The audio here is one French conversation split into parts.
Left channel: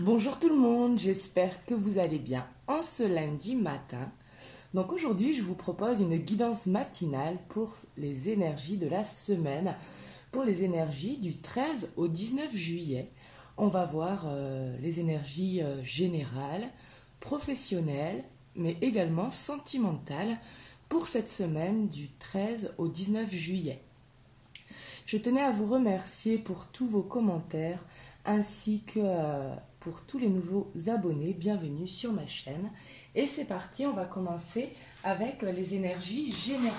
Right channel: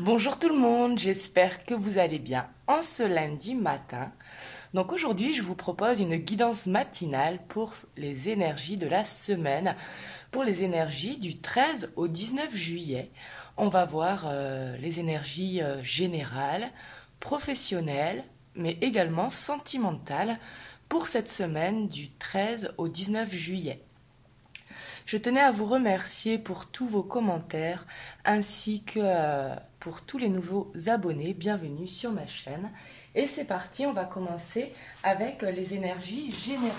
Bonjour tout le monde, j'espère que vous allez bien en ce lundi matin. Donc aujourd'hui, je vous propose une guidance matinale pour les énergies de la semaine, pour les énergies du 13 au 19 juillet. On va voir les énergies générales, professionnelles, mais également sentimentales pour cette semaine du 13 au 19 juillet. Je tenais à vous remercier pour tous vos commentaires ainsi que pour tous les nouveaux abonnés. Bienvenue sur ma chaîne. Et c'est parti, on va commencer avec les énergies générales.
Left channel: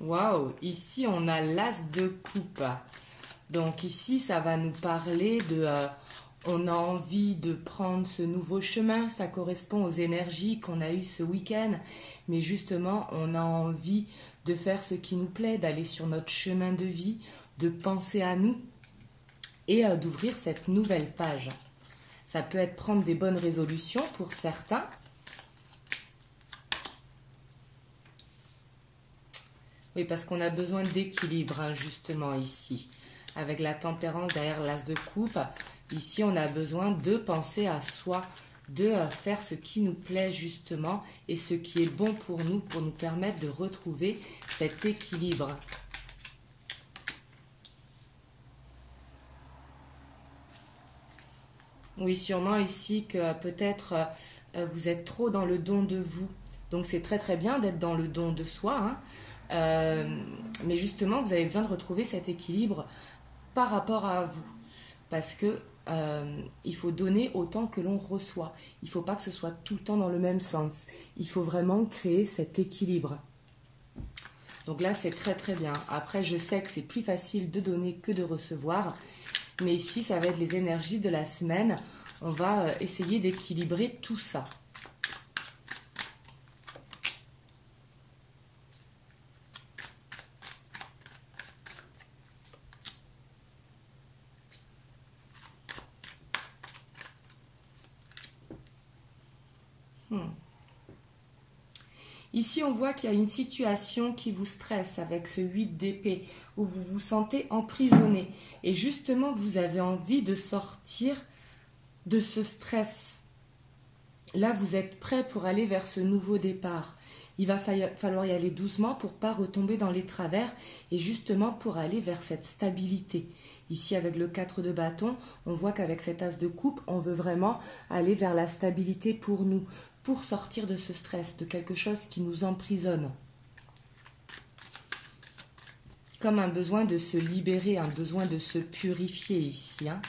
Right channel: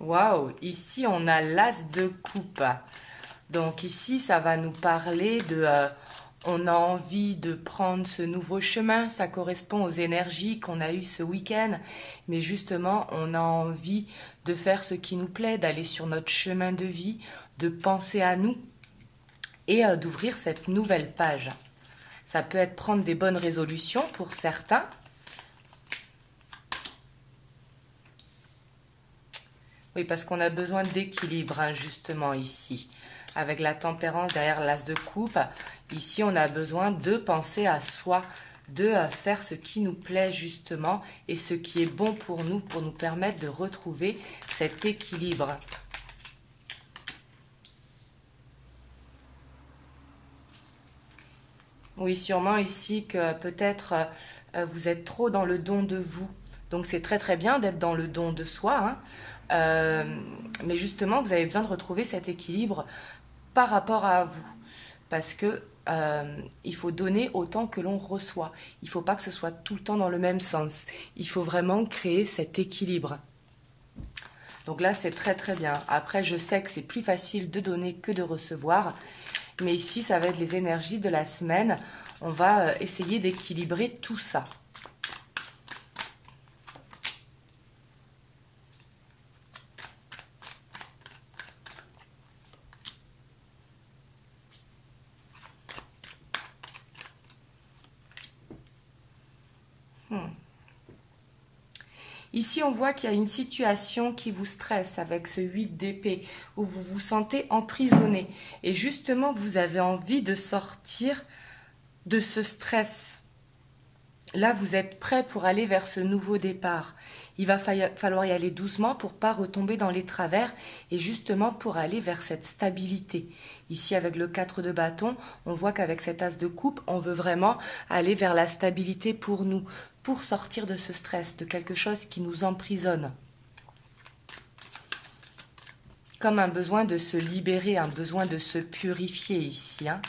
Waouh, ici on a l'as de coupe. Donc ici ça va nous parler de on a envie de prendre ce nouveau chemin, ça correspond aux énergies qu'on a eues ce week-end, mais justement on a envie de faire ce qui nous plaît, d'aller sur notre chemin de vie, de penser à nous et d'ouvrir cette nouvelle page. Ça peut être prendre des bonnes résolutions pour certains. Oui, parce qu'on a besoin d'équilibre, hein, justement, ici. Avec la tempérance derrière l'as de coupe, ici, on a besoin de penser à soi, de faire ce qui nous plaît, justement, et ce qui est bon pour nous permettre de retrouver cet équilibre. Oui, sûrement ici que peut-être vous êtes trop dans le don de vous. Donc, c'est très très bien d'être dans le don de soi, hein. Mais justement, vous avez besoin de retrouver cet équilibre par rapport à vous. Parce que il faut donner autant que l'on reçoit. Il ne faut pas que ce soit tout le temps dans le même sens. Il faut vraiment créer cet équilibre. Donc là, c'est très très bien. Après, je sais que c'est plus facile de donner que de recevoir. Mais ici, ça va être les énergies de la semaine. On va essayer d'équilibrer tout ça. Ici, on voit qu'il y a une situation qui vous stresse avec ce 8 d'épée, où vous vous sentez emprisonné. Et justement, vous avez envie de sortir de ce stress. Là, vous êtes prêt pour aller vers ce nouveau départ. Il va falloir y aller doucement pour ne pas retomber dans les travers et justement pour aller vers cette stabilité. Ici, avec le 4 de bâton, on voit qu'avec cet as de coupe, on veut vraiment aller vers la stabilité pour nous, pour sortir de ce stress, de quelque chose qui nous emprisonne. Comme un besoin de se libérer, un besoin de se purifier ici, hein.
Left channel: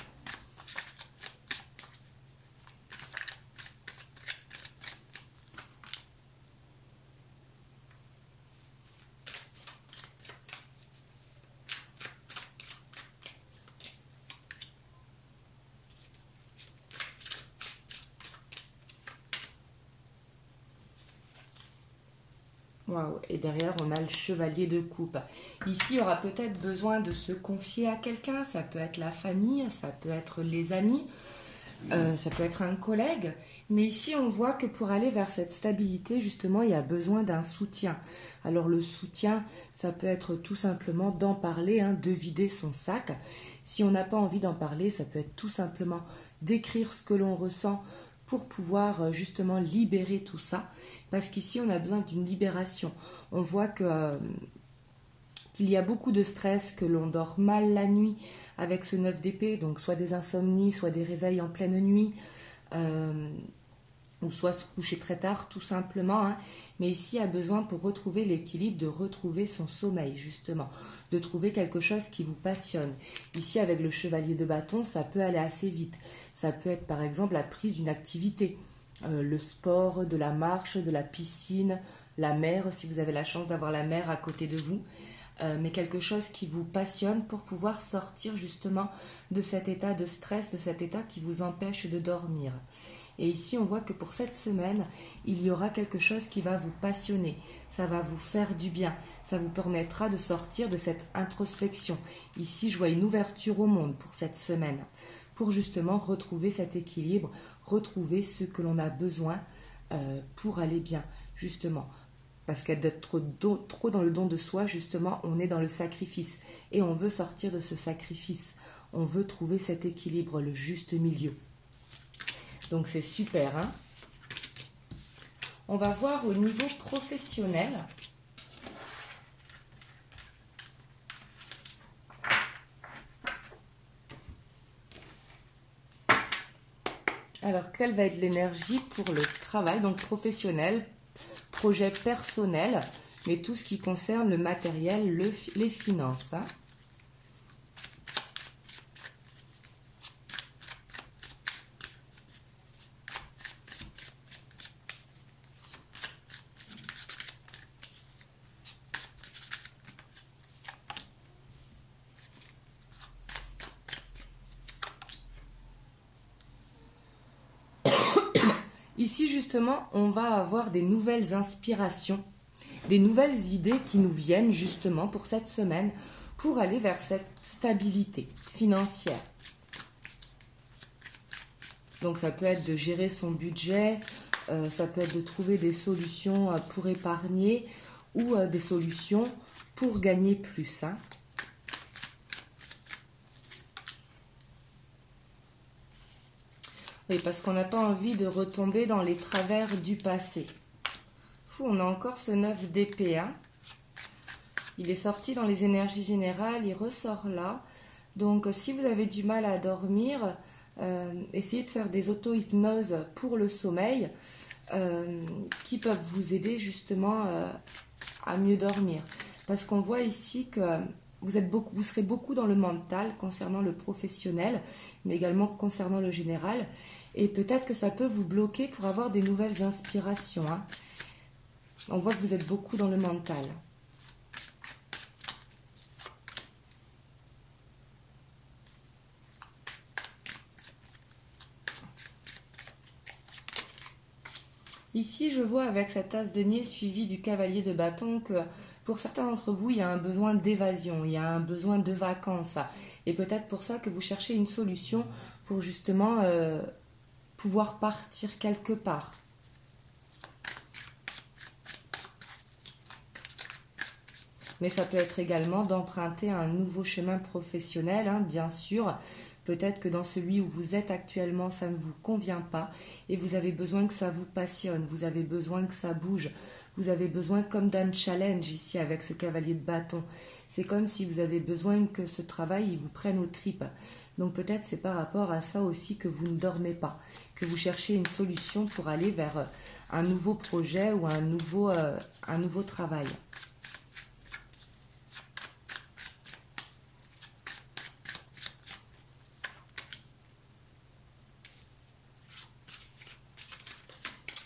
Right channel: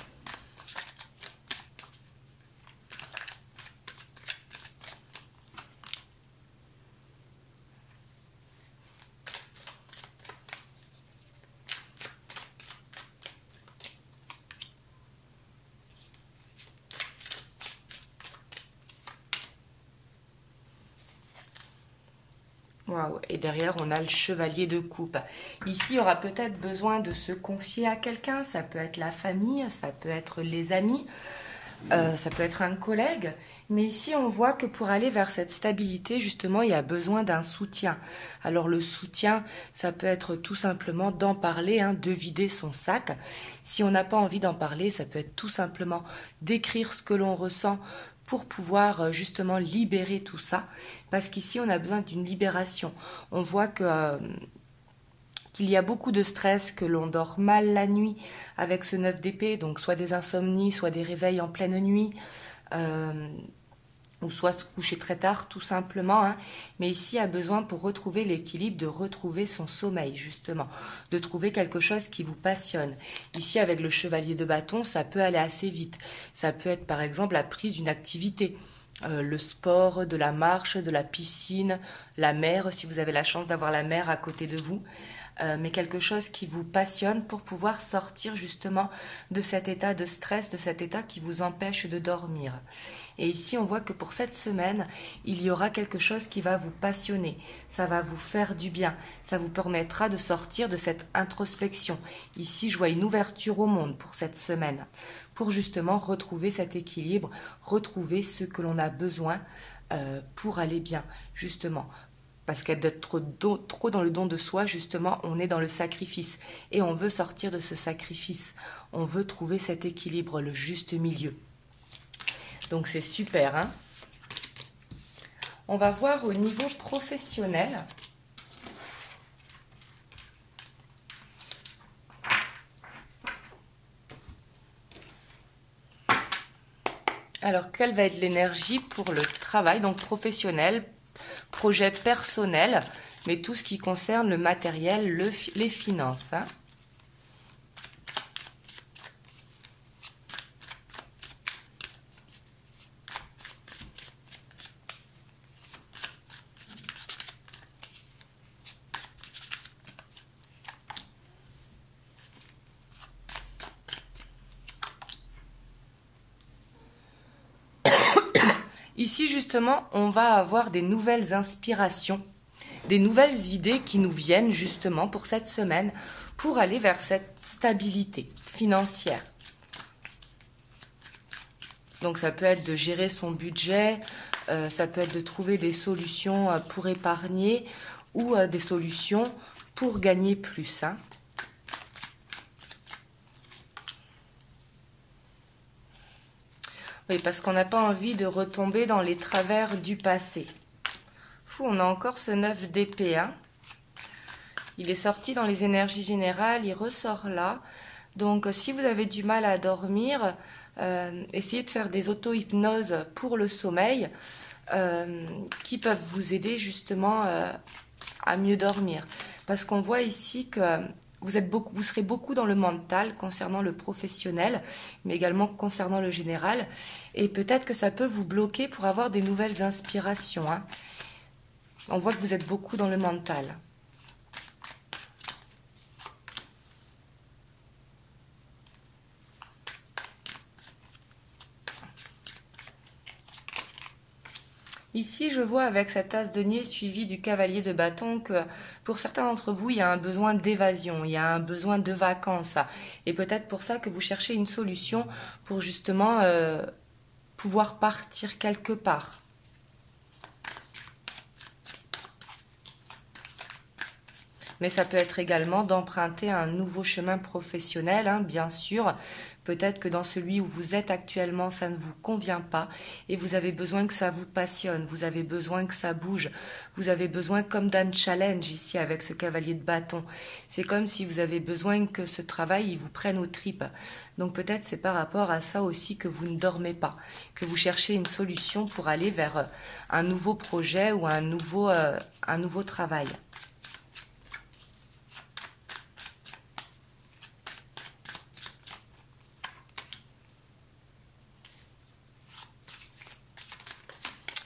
Waouh. Et derrière, on a le chevalier de coupe. Ici, il y aura peut-être besoin de se confier à quelqu'un. Ça peut être la famille, ça peut être les amis, ça peut être un collègue. Mais ici, on voit que pour aller vers cette stabilité, justement, il y a besoin d'un soutien. Alors, le soutien, ça peut être tout simplement d'en parler, hein, de vider son sac. Si on n'a pas envie d'en parler, ça peut être tout simplement d'écrire ce que l'on ressent pour pouvoir justement libérer tout ça, parce qu'ici on a besoin d'une libération. On voit que qu'il y a beaucoup de stress, que l'on dort mal la nuit avec ce 9 d'épée, donc soit des insomnies, soit des réveils en pleine nuit, ou soit se coucher très tard tout simplement, hein. Mais ici, il a besoin pour retrouver l'équilibre, de retrouver son sommeil justement, de trouver quelque chose qui vous passionne. Ici, avec le chevalier de bâton, ça peut aller assez vite. Ça peut être par exemple la prise d'une activité, le sport, de la marche, de la piscine, la mer, si vous avez la chance d'avoir la mer à côté de vous. mais quelque chose qui vous passionne pour pouvoir sortir justement de cet état de stress, de cet état qui vous empêche de dormir. Et ici, on voit que pour cette semaine, il y aura quelque chose qui va vous passionner. Ça va vous faire du bien. Ça vous permettra de sortir de cette introspection. Ici, je vois une ouverture au monde pour cette semaine, pour justement retrouver cet équilibre, retrouver ce que l'on a besoin pour aller bien, justement. Parce qu'être trop dans le don de soi, justement, on est dans le sacrifice. Et on veut sortir de ce sacrifice. On veut trouver cet équilibre, le juste milieu. Donc c'est super, hein. On va voir au niveau professionnel. Alors, quelle va être l'énergie pour le travail, donc professionnel, projet personnel, mais tout ce qui concerne le matériel, les finances, hein. Ici, justement, on va avoir des nouvelles inspirations, des nouvelles idées qui nous viennent justement pour cette semaine, pour aller vers cette stabilité financière. Donc ça peut être de gérer son budget, ça peut être de trouver des solutions pour épargner ou des solutions pour gagner plus, hein. Oui, parce qu'on n'a pas envie de retomber dans les travers du passé. On a encore ce 9 d'épée, hein. Il est sorti dans les énergies générales, il ressort là. Donc, si vous avez du mal à dormir, essayez de faire des auto-hypnoses pour le sommeil qui peuvent vous aider justement à mieux dormir. Parce qu'on voit ici que vous serez beaucoup dans le mental concernant le professionnel, mais également concernant le général. Et peut-être que ça peut vous bloquer pour avoir des nouvelles inspirations, hein. On voit que vous êtes beaucoup dans le mental. Ici, je vois avec cette as de denier suivi du cavalier de bâton que pour certains d'entre vous, il y a un besoin d'évasion, il y a un besoin de vacances. Et peut-être pour ça que vous cherchez une solution pour justement pouvoir partir quelque part. Mais ça peut être également d'emprunter un nouveau chemin professionnel, hein, bien sûr. Peut-être que dans celui où vous êtes actuellement, ça ne vous convient pas et vous avez besoin que ça vous passionne, vous avez besoin que ça bouge, vous avez besoin comme d'un challenge ici avec ce cavalier de bâton. C'est comme si vous avez besoin que ce travail il vous prenne aux tripes. Donc peut-être c'est par rapport à ça aussi que vous ne dormez pas, que vous cherchez une solution pour aller vers un nouveau projet ou un nouveau travail.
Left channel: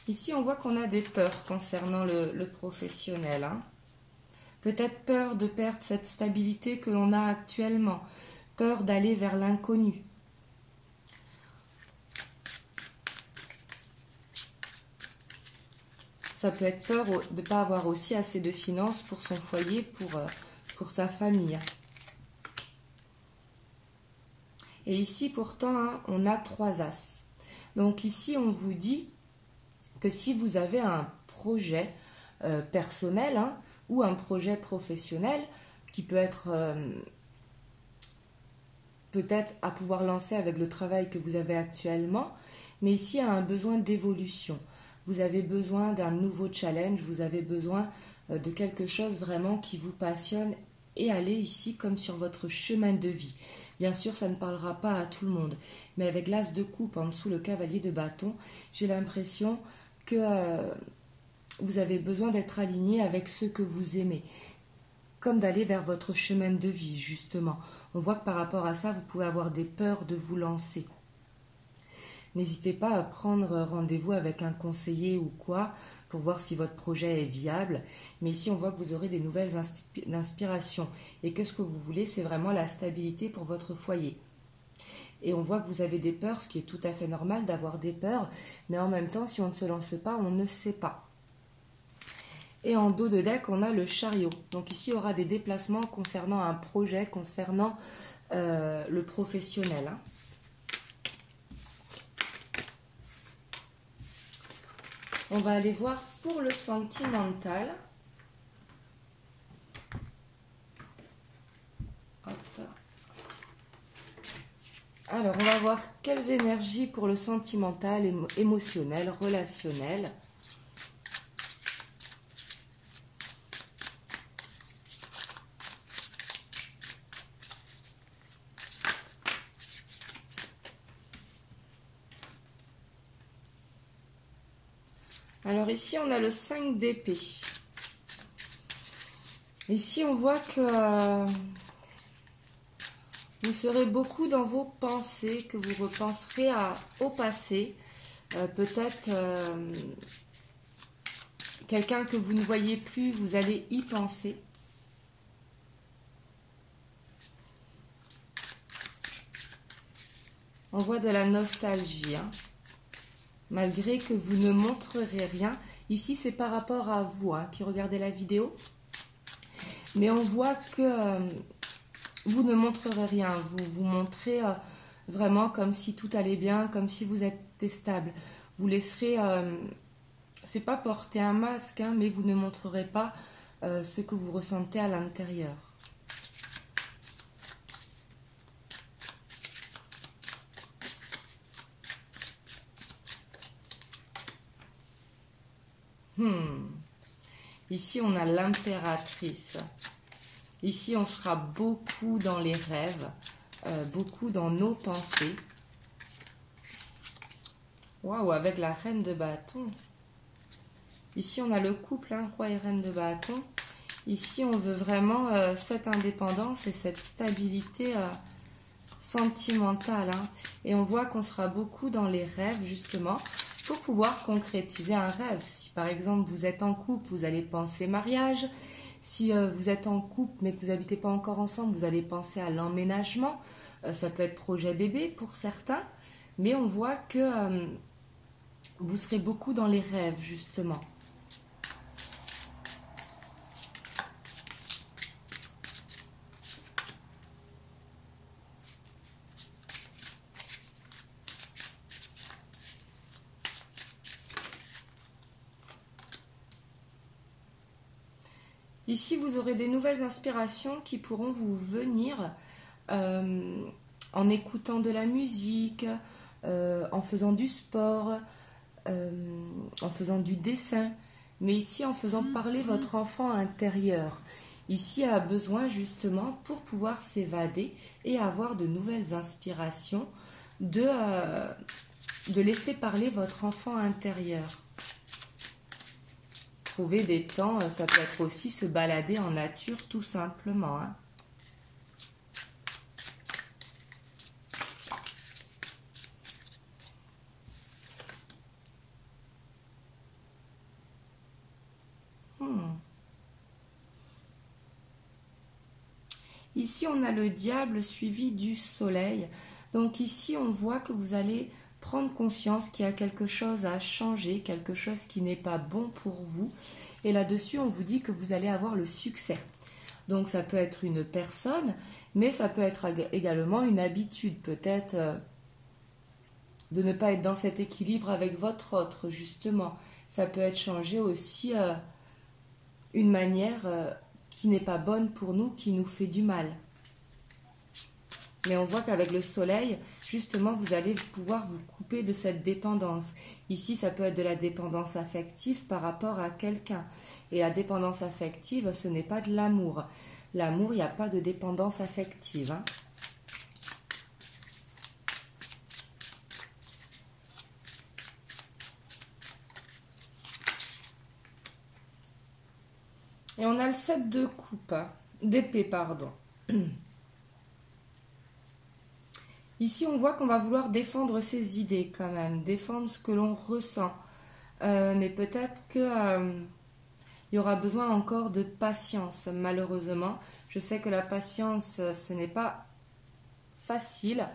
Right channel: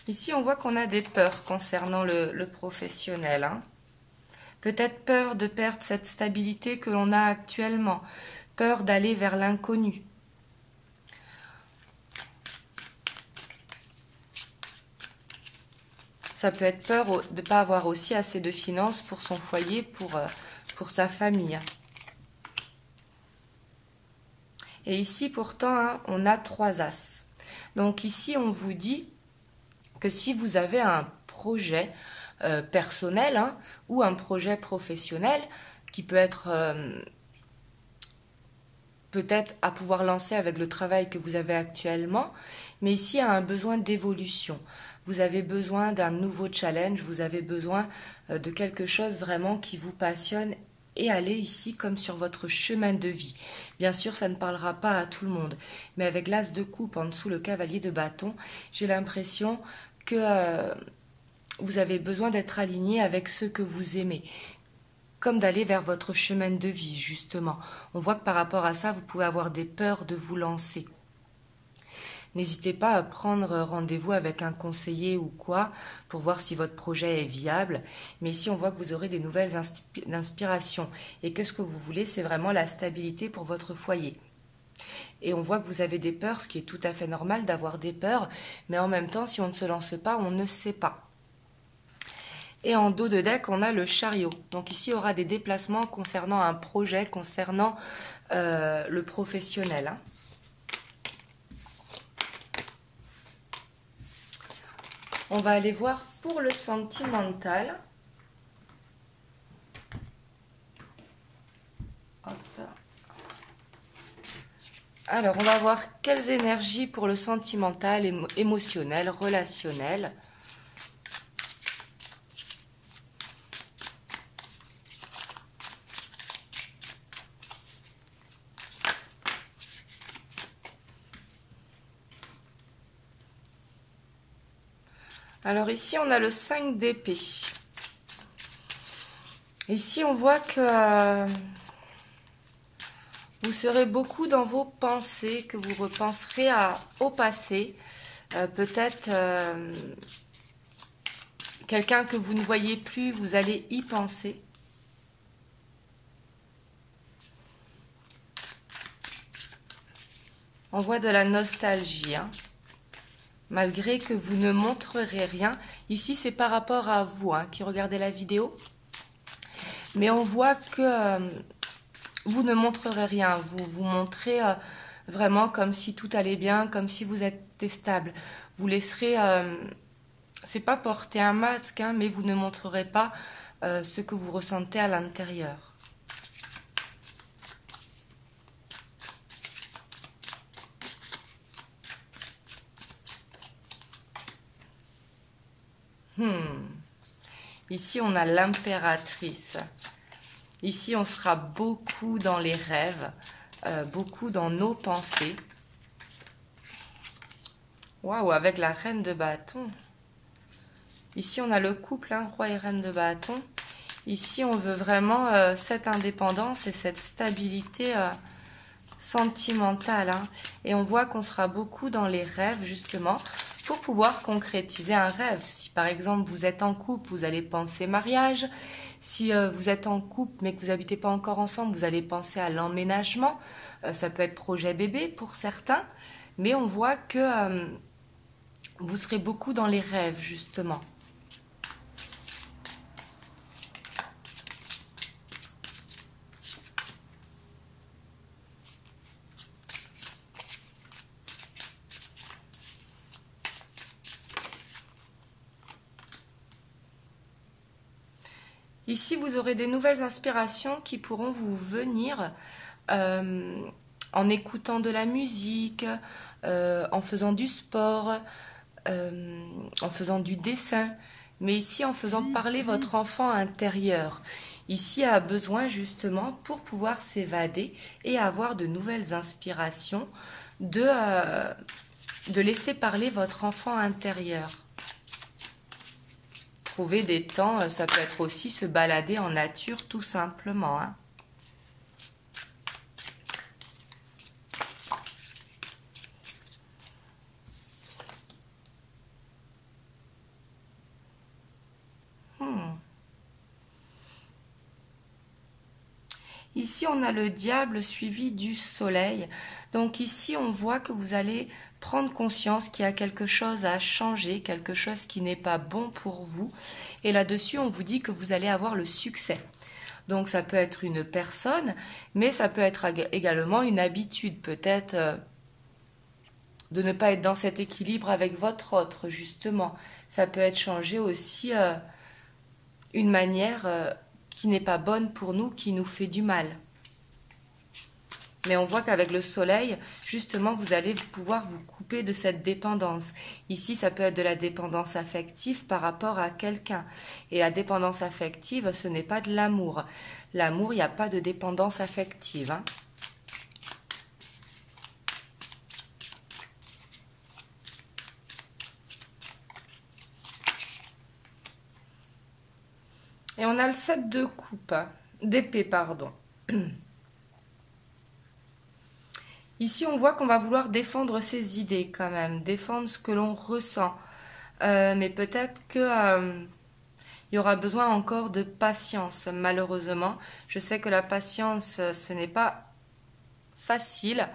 Ici, on voit qu'on a des peurs concernant le professionnel, hein. Peut-être peur de perdre cette stabilité que l'on a actuellement, peur d'aller vers l'inconnu. Ça peut être peur de ne pas avoir aussi assez de finances pour son foyer, pour sa famille. Et ici, pourtant, hein, on a 3 as. Donc ici, on vous dit que si vous avez un projet personnel, hein, ou un projet professionnel qui peut être peut-être à pouvoir lancer avec le travail que vous avez actuellement, mais ici il y a un besoin d'évolution. Vous avez besoin d'un nouveau challenge, vous avez besoin de quelque chose vraiment qui vous passionne et aller ici comme sur votre chemin de vie. Bien sûr, ça ne parlera pas à tout le monde, mais avec l'as de coupe en dessous, le cavalier de bâton, j'ai l'impression que vous avez besoin d'être aligné avec ce que vous aimez, comme d'aller vers votre chemin de vie, justement. On voit que par rapport à ça, vous pouvez avoir des peurs de vous lancer. N'hésitez pas à prendre rendez-vous avec un conseiller ou quoi pour voir si votre projet est viable. Mais ici, on voit que vous aurez des nouvelles inspirations et que ce que vous voulez, c'est vraiment la stabilité pour votre foyer. Et on voit que vous avez des peurs, ce qui est tout à fait normal d'avoir des peurs. Mais en même temps, si on ne se lance pas, on ne sait pas. Et en dos de deck, on a le chariot. Donc ici, il y aura des déplacements concernant un projet, concernant le professionnel. Hein. On va aller voir pour le sentimental. Hop. Alors, on va voir quelles énergies pour le sentimental, émotionnel, relationnel. Alors ici, on a le 5 d'épée. Ici, on voit que vous serez beaucoup dans vos pensées, que vous repenserez au passé. Peut-être quelqu'un que vous ne voyez plus, vous allez y penser. On voit de la nostalgie, hein. Malgré que vous ne montrerez rien. Ici, c'est par rapport à vous hein, qui regardez la vidéo. Mais on voit que vous ne montrerez rien. Vous vous montrez vraiment comme si tout allait bien, comme si vous êtes stable. Vous laisserez, c'est pas porter un masque, hein, mais vous ne montrerez pas ce que vous ressentez à l'intérieur. Ici, on a l'impératrice. Ici, on sera beaucoup dans les rêves, beaucoup dans nos pensées. Waouh, avec la reine de bâton. Ici, on a le couple, hein, roi et reine de bâton. Ici, on veut vraiment cette indépendance et cette stabilité sentimentale. Hein. Et on voit qu'on sera beaucoup dans les rêves, justement, pour pouvoir concrétiser un rêve. Si par exemple vous êtes en couple, vous allez penser mariage. Si vous êtes en couple mais que vous n'habitez pas encore ensemble, vous allez penser à l'emménagement. Ça peut être projet bébé pour certains. Mais on voit que vous serez beaucoup dans les rêves justement. Ici, vous aurez des nouvelles inspirations qui pourront vous venir en écoutant de la musique, en faisant du sport, en faisant du dessin, mais ici en faisant parler votre enfant intérieur. Ici a besoin justement pour pouvoir s'évader et avoir de nouvelles inspirations, de laisser parler votre enfant intérieur. Trouver des temps, ça peut être aussi se balader en nature tout simplement. Hein. Ici, on a le diable suivi du soleil. Donc ici, on voit que vous allez prendre conscience qu'il y a quelque chose à changer, quelque chose qui n'est pas bon pour vous. Et là-dessus, on vous dit que vous allez avoir le succès. Donc ça peut être une personne, mais ça peut être également une habitude, peut-être de ne pas être dans cet équilibre avec votre autre, justement. Ça peut être changer aussi une manière qui n'est pas bonne pour nous, qui nous fait du mal. Mais on voit qu'avec le soleil, justement, vous allez pouvoir vous couper de cette dépendance. Ici, ça peut être de la dépendance affective par rapport à quelqu'un. Et la dépendance affective, ce n'est pas de l'amour. L'amour, il n'y a pas de dépendance affective. Hein. Et on a le 7 de coupe, d'épée, pardon. Ici, on voit qu'on va vouloir défendre ses idées quand même, défendre ce que l'on ressent. Mais peut-être que il y aura besoin encore de patience, malheureusement. Je sais que la patience, ce n'est pas facile,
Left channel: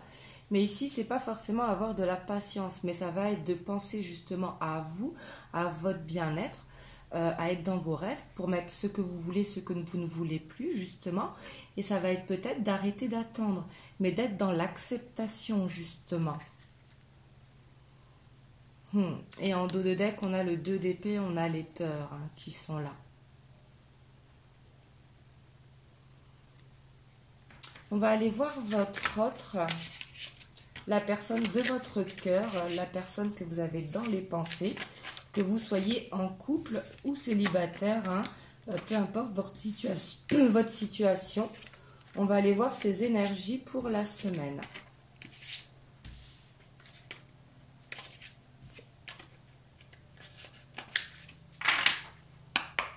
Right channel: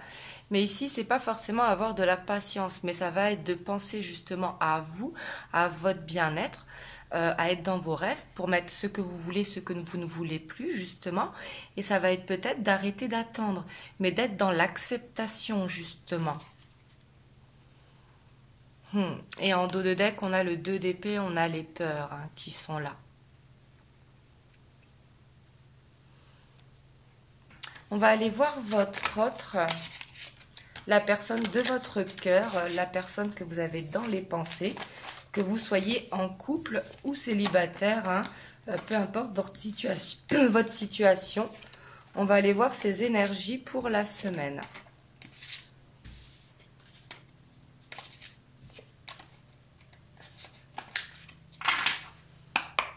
mais ici, c'est pas forcément avoir de la patience, mais ça va être de penser justement à vous, à votre bien-être, à être dans vos rêves, pour mettre ce que vous voulez, ce que vous ne voulez plus, justement. Et ça va être peut-être d'arrêter d'attendre, mais d'être dans l'acceptation, justement. Et en dos de deck, on a le 2 d'épée, on a les peurs qui sont là. On va aller voir votre autre, la personne de votre cœur, la personne que vous avez dans les pensées, que vous soyez en couple ou célibataire, peu importe votre situation, votre situation. On va aller voir ses énergies pour la semaine.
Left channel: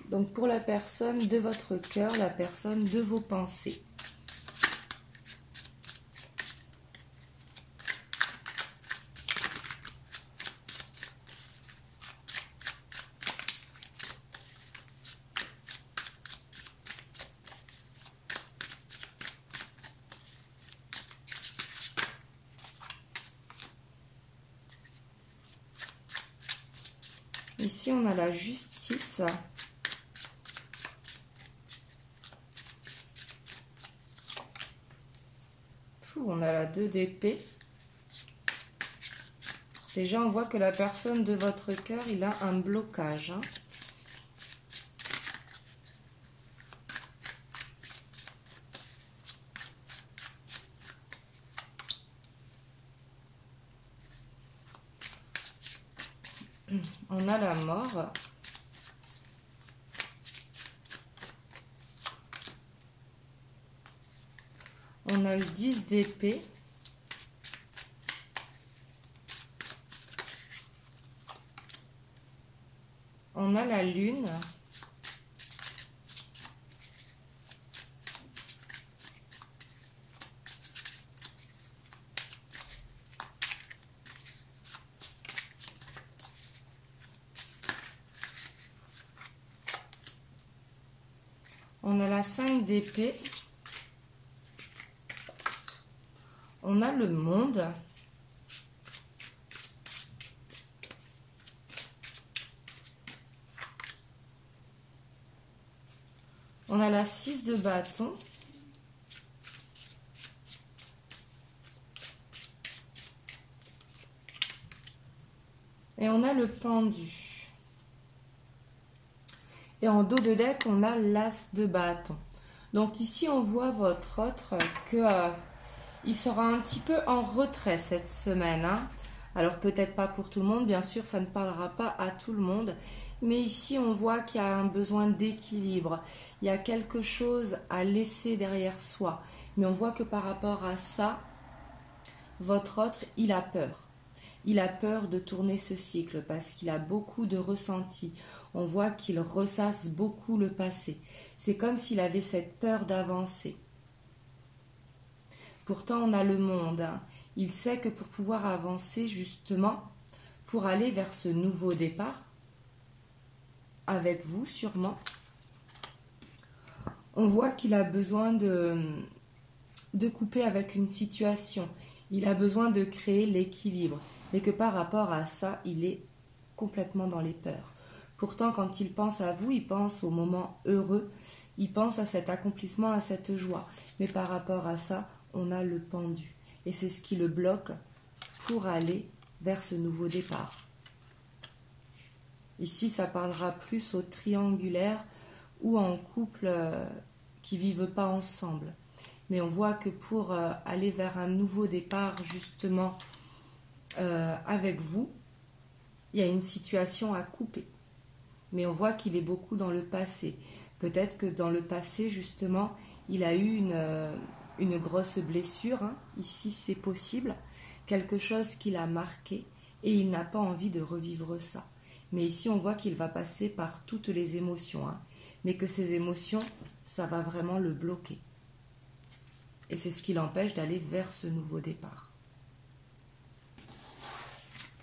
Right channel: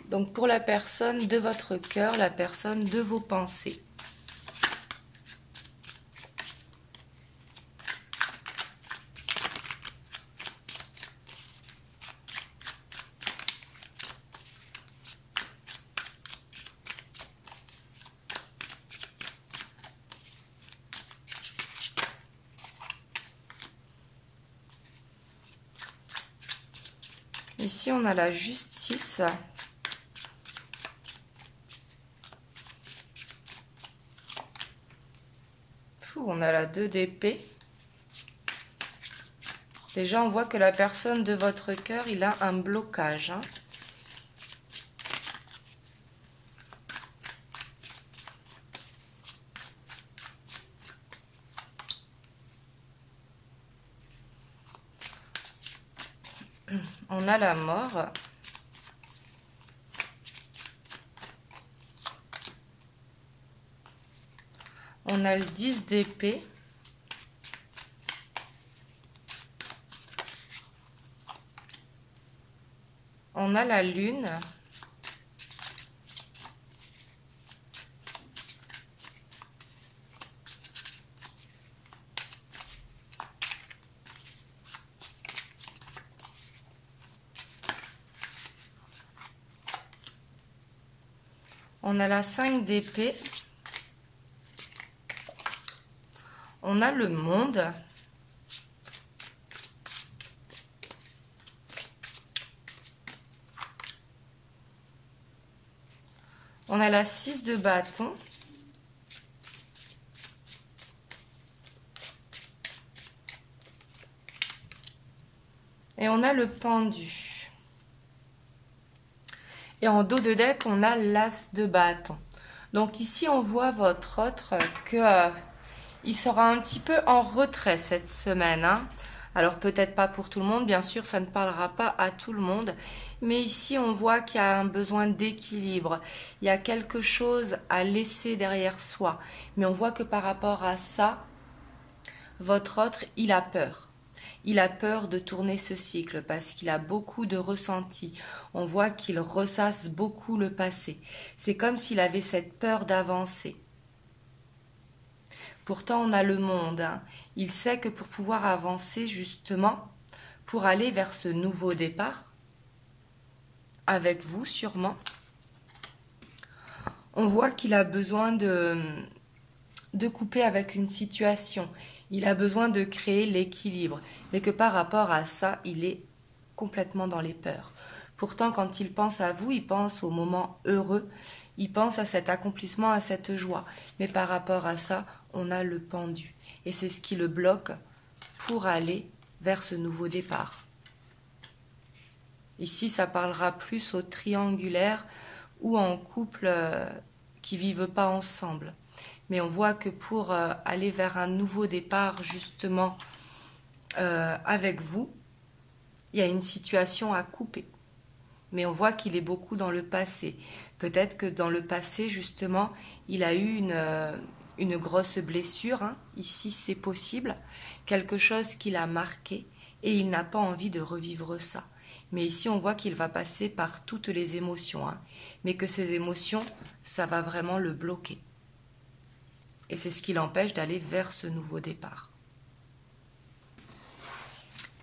Donc pour la personne de votre cœur, la personne de vos pensées. Ici, on a la justice. On a la 2 d'épée. Déjà, on voit que la personne de votre cœur, il a un blocage. On a la mort. On a le 10 d'épée. On a la lune. On a la 5 d'épée. On a le monde. On a la 6 de bâton. Et on a le pendu. Et en dos de deck, on a l'as de bâton. Donc ici, on voit votre autre que il sera un petit peu en retrait cette semaine. Alors peut-être pas pour tout le monde, bien sûr, ça ne parlera pas à tout le monde. Mais ici, on voit qu'il y a un besoin d'équilibre. Il y a quelque chose à laisser derrière soi. Mais on voit que par rapport à ça, votre autre, il a peur. Il a peur de tourner ce cycle parce qu'il a beaucoup de ressentis. On voit qu'il ressasse beaucoup le passé. C'est comme s'il avait cette peur d'avancer. Pourtant, on a le monde. Il sait que pour pouvoir avancer, justement, pour aller vers ce nouveau départ, avec vous sûrement, on voit qu'il a besoin de couper avec une situation. Il a besoin de créer l'équilibre. Mais que par rapport à ça, il est complètement dans les peurs. Pourtant, quand il pense à vous, il pense au moment heureux. Il pense à cet accomplissement, à cette joie. Mais par rapport à ça, on a le pendu. Et c'est ce qui le bloque pour aller vers ce nouveau départ. Ici, ça parlera plus au triangulaire ou en couple qui ne vivent pas ensemble. Mais on voit que pour aller vers un nouveau départ, justement, avec vous, il y a une situation à couper. Mais on voit qu'il est beaucoup dans le passé. Peut-être que dans le passé, justement, il a eu une grosse blessure. Ici, c'est possible. Quelque chose qui l'a marqué et il n'a pas envie de revivre ça. Mais ici, on voit qu'il va passer par toutes les émotions. Mais que ces émotions, ça va vraiment le bloquer. Et c'est ce qui l'empêche d'aller vers ce nouveau départ.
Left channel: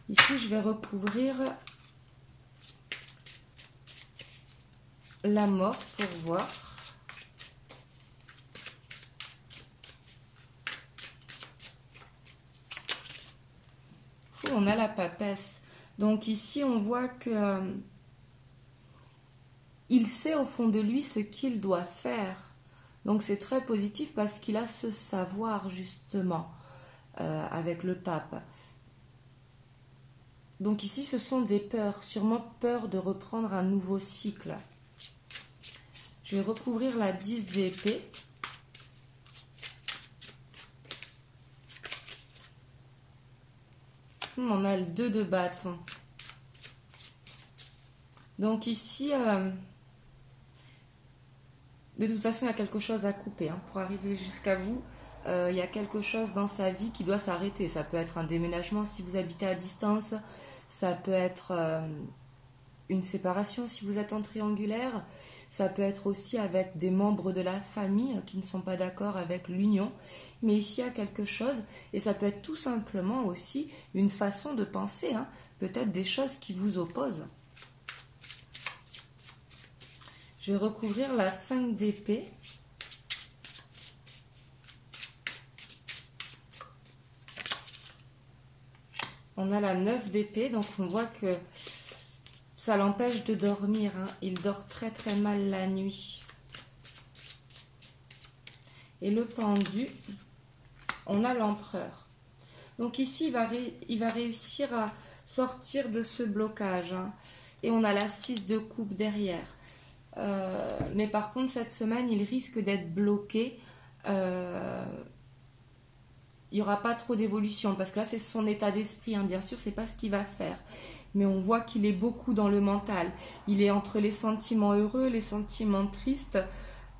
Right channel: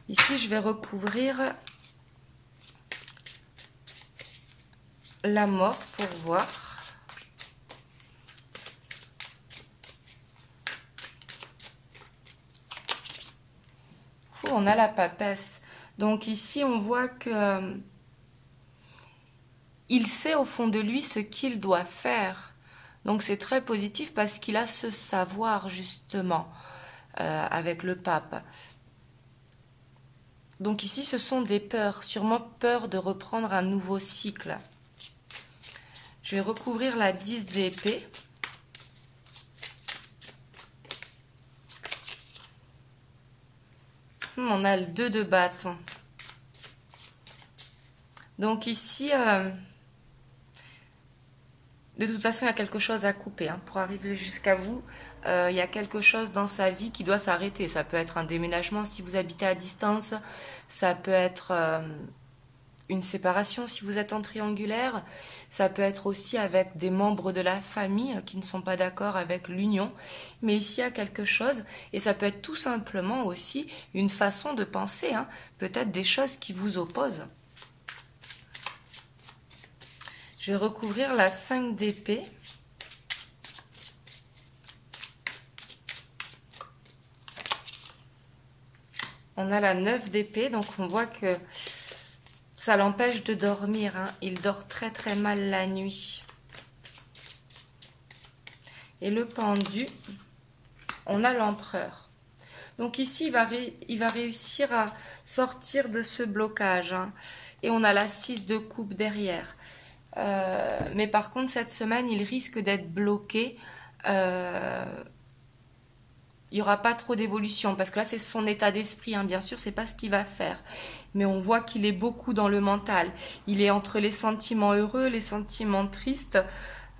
Ici, je vais recouvrir la mort pour voir. On a la papesse. Donc ici, on voit que il sait au fond de lui ce qu'il doit faire. Donc c'est très positif parce qu'il a ce savoir justement avec le pape. Donc ici, ce sont des peurs, sûrement peur de reprendre un nouveau cycle. Je vais recouvrir la 10 d'épée. On a le 2 de bâton. Donc ici, de toute façon, il y a quelque chose à couper. Pour arriver jusqu'à vous, il y a quelque chose dans sa vie qui doit s'arrêter. Ça peut être un déménagement si vous habitez à distance. Ça peut être une séparation si vous êtes en triangulaire. Ça peut être aussi avec des membres de la famille qui ne sont pas d'accord avec l'union. Mais ici, il y a quelque chose. Et ça peut être tout simplement aussi une façon de penser. Peut-être des choses qui vous opposent. Je vais recouvrir la 5 d'épée. On a la 9 d'épée, donc on voit que ça l'empêche de dormir. Il dort très très mal la nuit. Et le pendu, on a l'empereur. Donc ici, il va réussir à sortir de ce blocage. Et on a la 6 de coupe derrière. Mais par contre, cette semaine, il risque d'être bloqué. Il n'y aura pas trop d'évolution parce que là, c'est son état d'esprit. Bien sûr, c'est pas ce qu'il va faire. Mais on voit qu'il est beaucoup dans le mental. Il est entre les sentiments heureux, les sentiments tristes.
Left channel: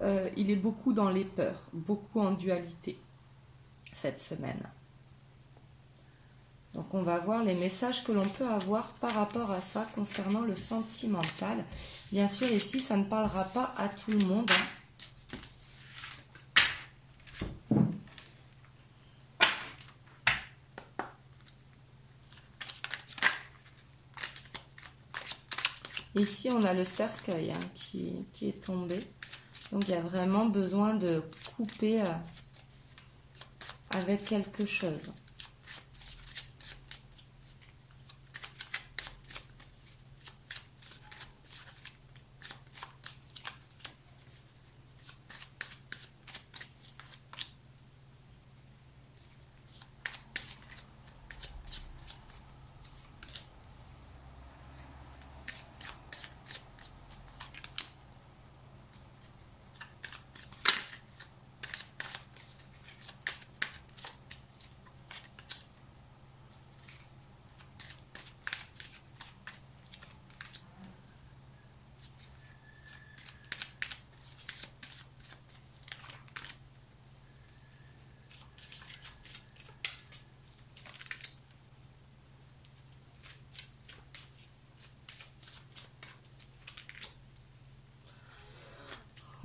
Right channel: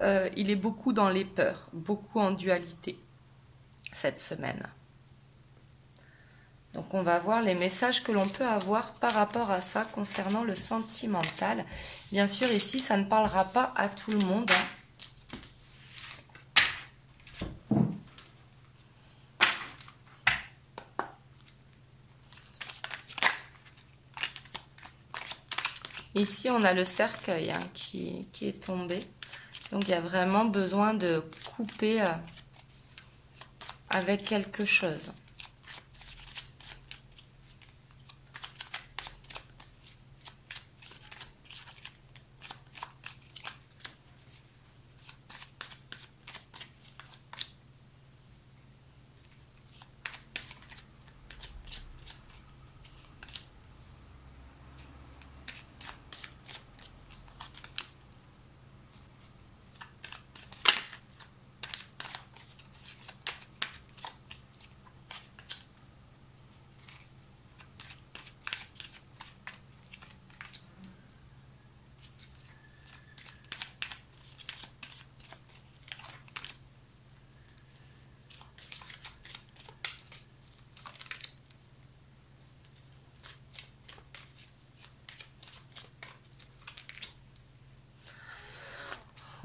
Il est beaucoup dans les peurs, beaucoup en dualité cette semaine. Donc on va voir les messages que l'on peut avoir par rapport à ça concernant le sentimental. Bien sûr, ici, ça ne parlera pas à tout le monde. Ici, on a le cercueil qui est tombé. Donc il y a vraiment besoin de couper avec quelque chose.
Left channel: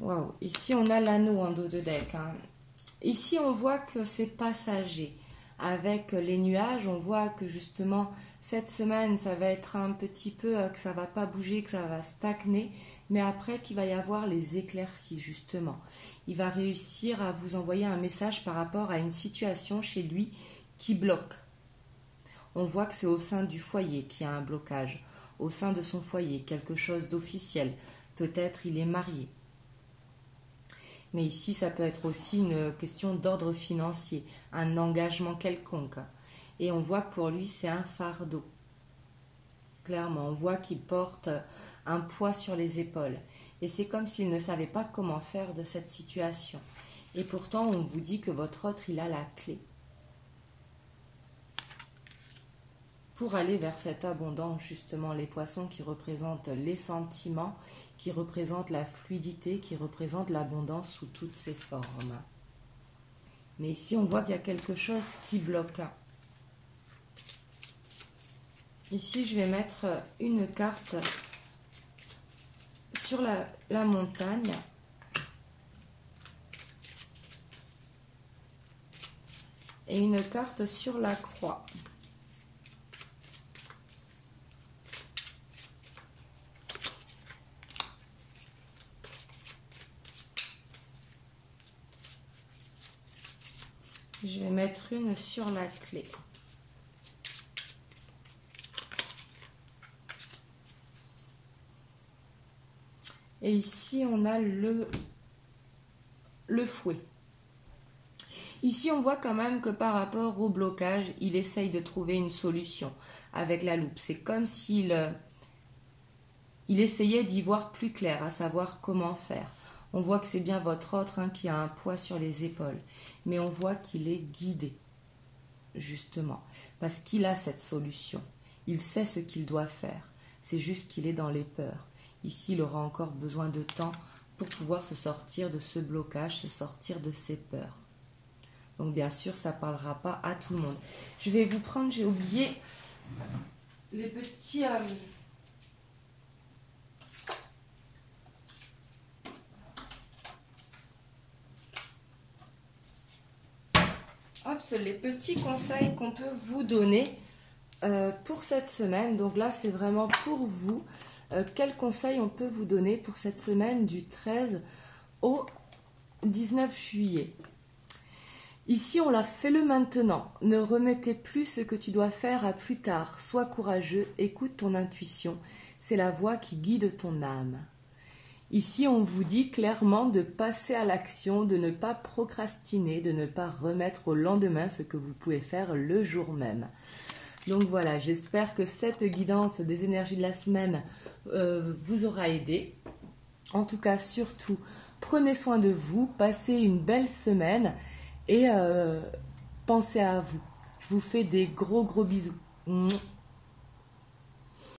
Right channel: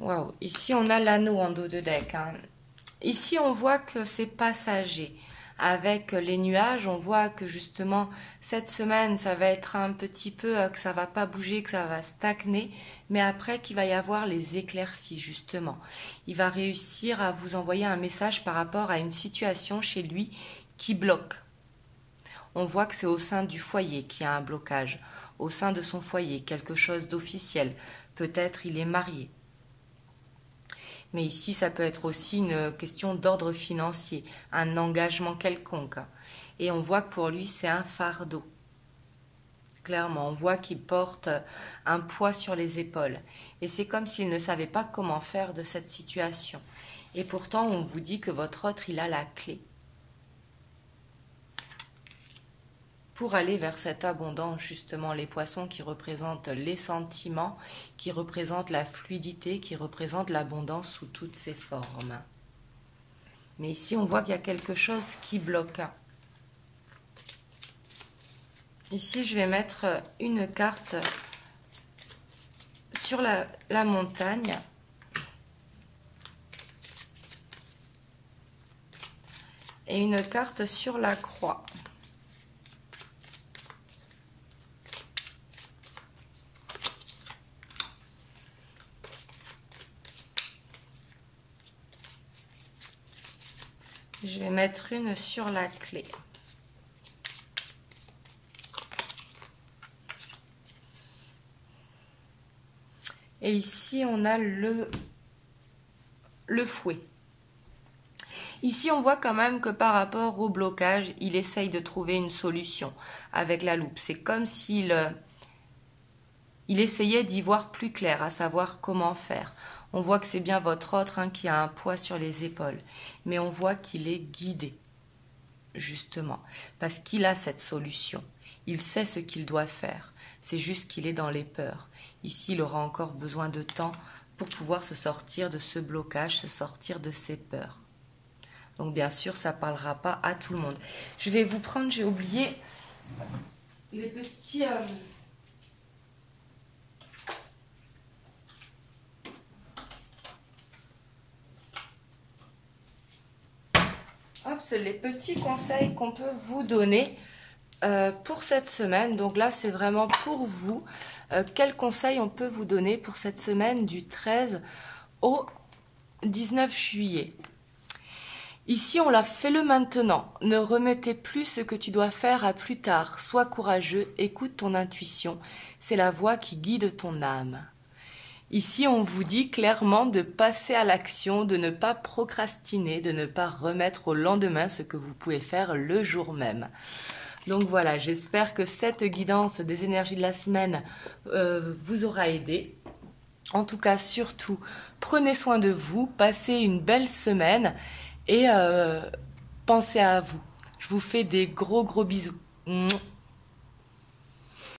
Waouh, ici on a l'anneau en dos de deck. Ici on voit que c'est passager. Avec les nuages, on voit que justement cette semaine ça va être un petit peu que ça va pas bouger, que ça va stagner, mais après qu'il va y avoir les éclaircies justement. Il va réussir à vous envoyer un message par rapport à une situation chez lui qui bloque. On voit que c'est au sein du foyer qu'il y a un blocage, au sein de son foyer, quelque chose d'officiel. Peut-être il est marié. Mais ici, ça peut être aussi une question d'ordre financier, un engagement quelconque. Et on voit que pour lui, c'est un fardeau. Clairement, on voit qu'il porte un poids sur les épaules. Et c'est comme s'il ne savait pas comment faire de cette situation. Et pourtant, on vous dit que votre autre, il a la clé pour aller vers cette abondance, justement, les poissons qui représentent les sentiments, qui représentent la fluidité, qui représentent l'abondance sous toutes ses formes. Mais ici, on voit qu'il y a quelque chose qui bloque. Ici, je vais mettre une carte sur la montagne. Et une carte sur la croix. Je vais mettre une sur la clé. Et ici, on a le fouet. Ici, on voit quand même que par rapport au blocage, il essaye de trouver une solution avec la loupe. C'est comme s'il essayait d'y voir plus clair, à savoir comment faire. On voit que c'est bien votre autre qui a un poids sur les épaules. Mais on voit qu'il est guidé, justement, parce qu'il a cette solution. Il sait ce qu'il doit faire. C'est juste qu'il est dans les peurs. Ici, il aura encore besoin de temps pour pouvoir se sortir de ce blocage, se sortir de ses peurs. Donc, bien sûr, ça ne parlera pas à tout le monde. Je vais vous prendre, j'ai oublié, les petits... les petits conseils qu'on peut vous donner pour cette semaine. Donc là, c'est vraiment pour vous. Quels conseils on peut vous donner pour cette semaine du 13 au 19 juillet? Ici, on l'a fait le maintenant. Ne remettez plus ce que tu dois faire à plus tard. Sois courageux, écoute ton intuition. C'est la voix qui guide ton âme. Ici, on vous dit clairement de passer à l'action, de ne pas procrastiner, de ne pas remettre au lendemain ce que vous pouvez faire le jour même. Donc voilà, j'espère que cette guidance des énergies de la semaine vous aura aidé. En tout cas, surtout, prenez soin de vous, passez une belle semaine et pensez à vous. Je vous fais des gros bisous.